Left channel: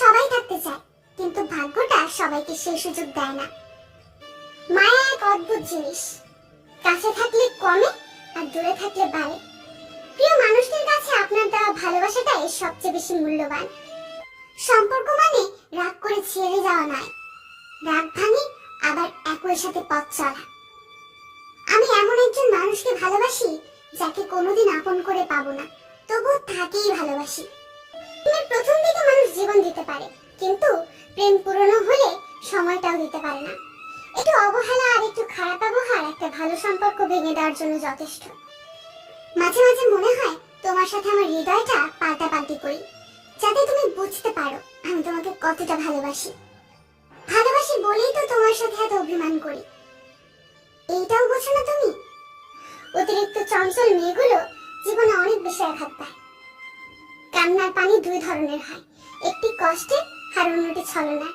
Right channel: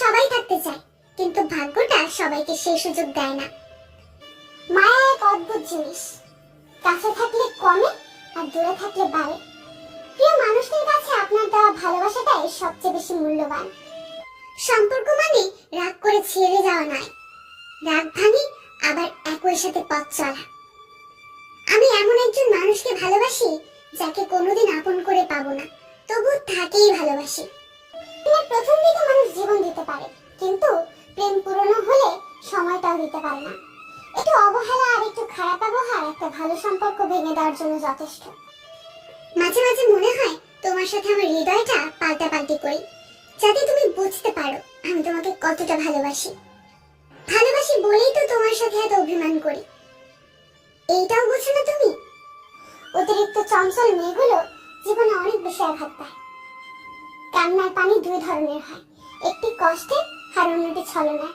সবাই থাকতে চায়, কিন্তু ভাগ্যটা সবাইকে সেই সুযোগ দেয় না। মায়া এক অদ্ভুত জিনিস, কাছে থাকলে কমে আর দূরে থাকলে বাড়ে। প্রিয় মানুষদের কাছে আপনার দেওয়া ভালোবাসাটাই সবচেয়ে বেশি মূল্যবান। সম্পর্ক মানে রাগ করে ছেড়ে যাওয়া নয়, রাগ ভাঙে আবার একই সাথে পথ চলা। আমি এমন একজন মানুষকে ভালোবাসি যাকে কোনোদিন আপন করে পাবো না, তবু তাকেই ভালোবাসি। প্রেমের প্রথম দিকে মানুষ জীবন দিতে পারে, কিন্তু প্রেম পুরনো হলে সময়টাও দিতে পারে না। একটু অবহেলা আর একটু খারাপ ব্যবহার একটা ভালো সম্পর্ক ভেঙে দেওয়ার জন্য যথেষ্ট। মাঝে মাঝে মনে হয় তোমার সাথে আমার হৃদয়টা পাল্টাপাল্টি করি, যাতে তুমি বুঝতে পারো আমি তোমাকে কতটা ভালোবাসি। ভালোবাসি বলেই তো তোমার সাথে এত অভিমান করি, এইটাও বোঝো না তুমি? অতিরিক্ত চঞ্চল মেয়েগুলো জীবনে অনেক বেশি আঘাত পায়। কান্নার পানি দুই ধরনের হয়, একটি কষ্টের আর অন্যটি ছলনার।